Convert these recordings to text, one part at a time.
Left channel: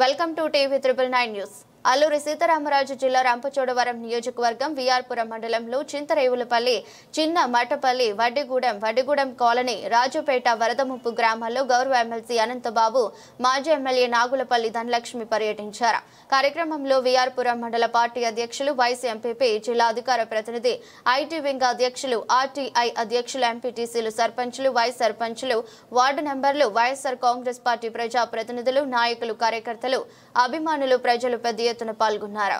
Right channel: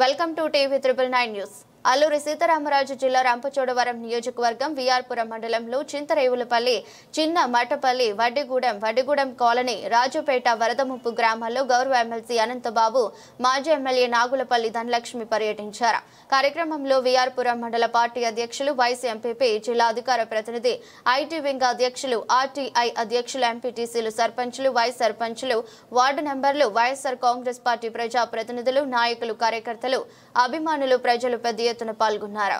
Welcome to TV 999 news. Alluri Sitaramaraju జిల్లా రంపచోడవరం నియోజకవర్గం విఆర్పురం మండలంలో చింతరేవులపల్లి, చిన్న మట్టపల్లి, వడ్డిగూడెం కాలనీ, రాజుపేట, వరదముప్పు గ్రామాల్లో గౌరవ ఎమ్మెల్సీ అనంతబాబు, మాజీ ఎమ్మెల్యే నాగులపల్లి ధనలక్ష్మి పర్యటించారు. కార్యక్రమంలో విఆర్పురం మండల పార్టీ అధ్యక్షులు, వైస్ ఎంపీపీ, జిల్లా అధికార ప్రతినిధి, ఐటీ వింగ్ అధ్యక్షులు, ఆర్టీఐ అధ్యక్షులు, ఎంపీటీసీలు, సర్పంచులు, వైస్ సర్పంచులు, వార్డు మెంబర్లు, వైఎస్ఆర్ కాంగ్రెస్ పార్టీ ప్రజా ప్రతినిధులు, నాయకులు, కార్యకర్తలు, అభిమానులు, ప్రజలు పెద్ద ఎత్తున పాల్గొన్నారు.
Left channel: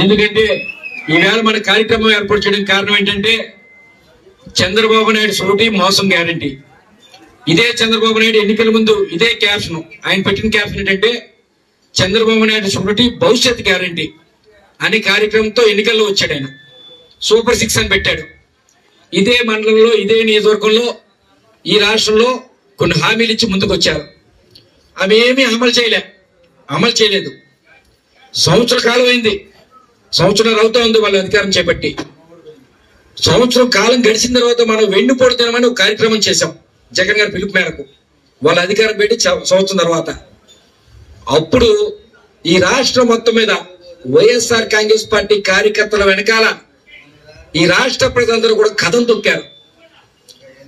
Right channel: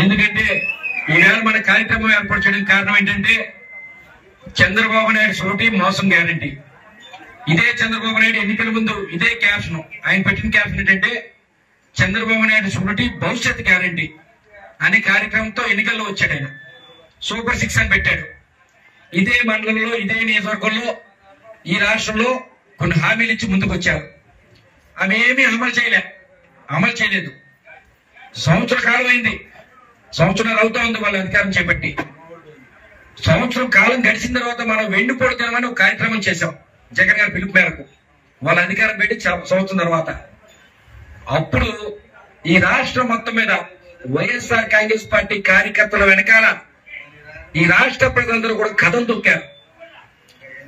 ఎందుకంటే ఈవేళ మన కార్యక్రమం ఏర్పాటు చేయడానికి కారణం ఏంటంటే చంద్రబాబు నాయుడు సోటి మోసం గ్యారంటీ. ఇదే చంద్రబాబు నాయుడు ఎన్నికల ముందు ఇదే క్యాప్షన్ ఆయన పెట్టిన క్యాప్షన్ ఏంటంటే చంద్రబాబు నాయుడు సోటి భవిష్యత్ గ్యారంటీ అనే కార్యక్రమంతో ఎన్నికల్లో వచ్చాడు. ఆయన సూపర్ 6 అని పెట్టాడు. ఇదే మండలంలో, ఇదే నియోజకవర్గంలో, ఈ రాష్ట్రంలో కొన్ని హామీలు ఇచ్చి ముందుకు వచ్చారు. అవి ఏమీ అమలు చేయలేదు. సంవత్సర కాలం అయింది, సంవత్సరాలు అవుతా ఉంది వాళ్ళ అధికారం చేపట్టి. సంవత్సరం కాలం గడిచిన తర్వాత మనం వెన్నుపోడుతామని ఒక కార్యక్రమం చేశాం జగన్ గారి పిలుపు మేరకు. వాళ్ళ అధికారం పెట్టి సంవత్సరం తర్వాత అప్పుడు ఈ రాష్ట్రం మొత్తం మీద వైఎస్ఆర్ కాంగ్రెస్ పార్టీ కార్యకర్తల వెనకాల ఈ రాష్ట్ర ప్రజలందరూ కూడా కథం తొక్కారు.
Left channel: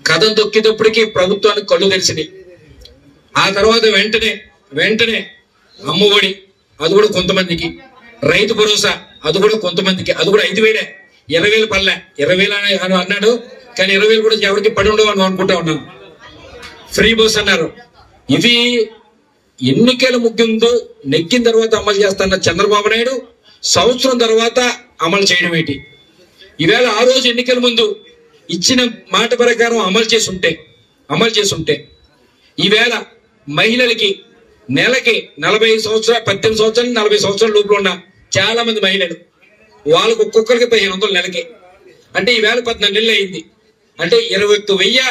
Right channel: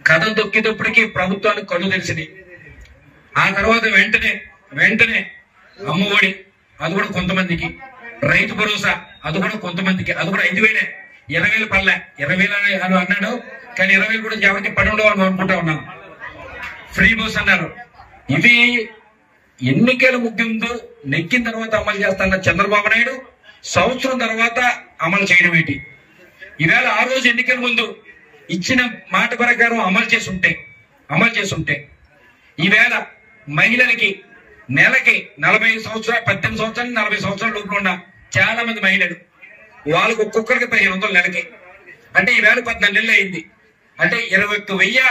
కథం తొక్కేటప్పటికీ ప్రభుత్వానికి కళ్ళు తెలిసినాయి. ఆ తర్వాత వెంటనే అమ్మఒడి, అది కూడా కొంతమందికి, రైతు భరోసా, అది కూడా కొంతమందికి, అది కూడా 5,000, 20,000 పల్లె, 20,000 అని అన్నాడు. కానీ 20,000 కూడా ఎవరికి పడి ఉండవు అని అనుకుంటా ఉన్నాను. ఫ్రీ బస్ అన్నారు. ఇవి ఎన్నికల ముగిందు నెగ్గిన తర్వాత అమలు చేస్తున్న చంద్రబాబు నాయుడు సంవత్సరం తర్వాత అమలు చేయడం ఏంటి? ఈవేళ ఆ రోజు ఎన్నికల ముందు ఇచ్చిన మాట ప్రకారం అమలు చేసి ఉంటే ఈవేళ మహిళలకి నెలకి 45 సంవత్సరాలు, 18 సంవత్సరాలు, 40 సంవత్సరాల లోపల ఉన్న చాలా మంది మహిళలు, వాళ్ళకు ఒక్కొక్కరికి 1500 నెలకి, అంటే ఈవేళ 14 నెలలు అయింది. అంటే 21,000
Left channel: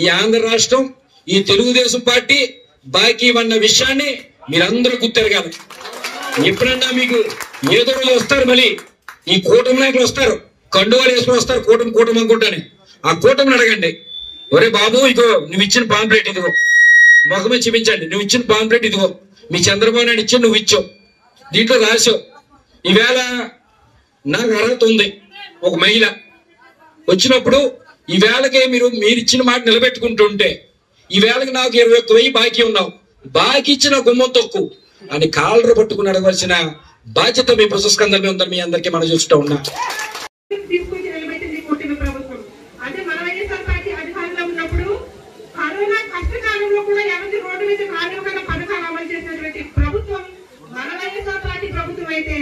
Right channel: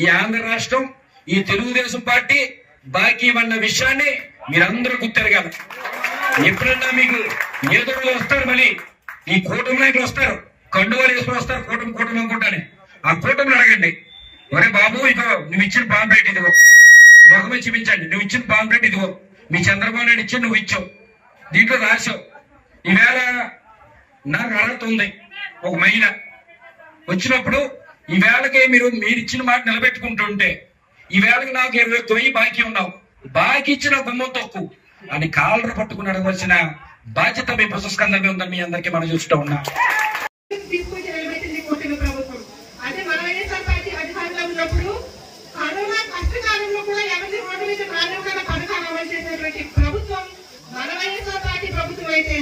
ఈ ఆంధ్ర రాష్ట్రం, ఈ తెలుగుదేశం పార్టీ బాకీ ఉన్న విషయాన్ని మీరందరూ గుర్తెరగాలి. ఎప్పుడన్నా మీకు ఏదో వస్తారు, మళ్ళీ ఈ కూటమి నాయకులు వస్తారు, కండువాలు వేసుకుని వస్తారు, కూటమి అనుకుంటాను. ఆ కూటమిని అడగండి, ఒరే బాబు ఇదిగో నువ్వు ఇచ్చిన పాంప్లెట్, ఇదిగో ముఖమే చూపించండి, నువ్వు ఇచ్చిన పాంప్లెట్ ఇదిగో, మీ చంద్రబాబు నాయుడు ఇచ్చి నువ్వు ఇచ్చావు, దీంట్లో రాసావు. ఈవేళ నాకు అర్హత ఉంది, ఒక మహిళ వచ్చినప్పుడు ఈవేళకే మీరు ఇచ్చిన మాట నిలబెట్టుకుంటుంటే ఈవేళకి నాకు 21,000 బాకీ ఉన్నావు, బాకీ ఇచ్చిన గుమ్మం తొక్కు అని కాలరు పట్టుకుని అడగవలసిన బాధ్యత మీ పుస్తకందరినీ ఉందని మీ అందరికీ మనం చూస్తూ ఉన్నా. కరోనా కష్టకాలంలో కూడా ఎవరి రోడ్డు మీద కారణంగా పథకాలు అమలు చేసినటువంటి ప్రభుత్వం మన వైఎస్ఆర్ పార్టీ ప్రభుత్వం అయితే,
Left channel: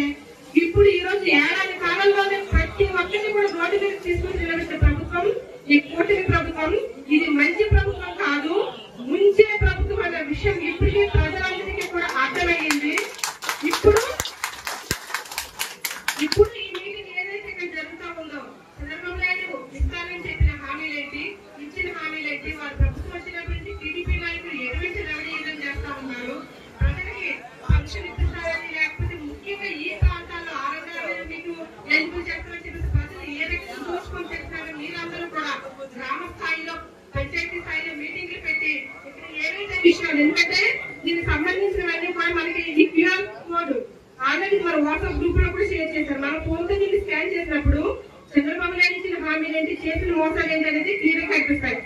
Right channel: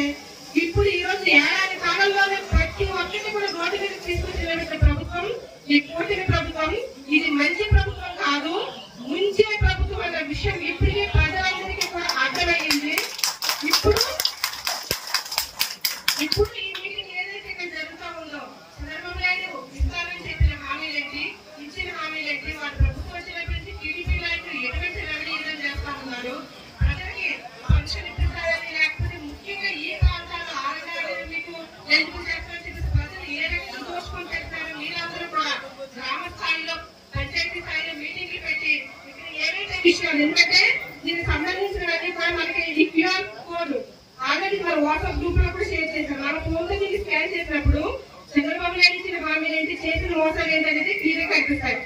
ఇప్పుడు ఈ రోజు ఏడాది కాలంలోనే ప్రతి ఒక్కరిని కూడా రోడ్డు మీద తీసుకుని నిలబెట్టిన ప్రభుత్వం ఈ కూటమి ప్రభుత్వం. ఇది మంచి ప్రభుత్వం కాదు, ముంచే ప్రభుత్వం అనే విషయం ఇప్పటికీ ప్రజలందరికీ కూడా అర్థమైంది. ఇప్పుడు ఈ మీటింగ్ ఏదైతే ఇక్కడ జరుగుతూ ఉందో, చంద్రబాబు నాయుడు ఇస్తారని చెప్పిన హామీలేంటి, ఇచ్చిన హామీలేంటి, వాళ్ళ ప్రభుత్వం వచ్చినప్పటి నుంచి టీడీపీ నాయకులు ఎటువంటి రవడీయం చేస్తా ఉన్నారు, ప్రజలకి పెన్షన్ ఇప్పిస్తారని, లేకపోతే ముఖ్యంగా ఈ ప్రాంతాల్లో ఆరోగ్యాలు మీకు ఎందుకు చేస్తారని చెప్పేసి ప్రజలు ఏ రకంగా దోచుకొని చేస్తారు. మీరందరూ కూడా గ్రామ స్థాయిలో, పంచాయతీ స్థాయిలో మీటింగ్లు పెట్టి ఇక్కడ ఏవైతే విషయాలు, ఎందుకంటే దీనికి సంబంధించినవన్నీ కూడా మనకి ఈ క్యూఆర్ కోడ్ ఆల్రెడీ మన వాట్సాప్ గ్రూప్ లో కూడా షేర్ చేశారు. మనం ఫోన్ లో దీన్ని స్కాన్ చేసినప్పుడు చంద్రబాబు నాయుడు ఇచ్చిన హామీలు ఏంటి, చేసిన మోసాలు ఏంటి అనేది క్లియర్ గా కనిపిస్తాయి.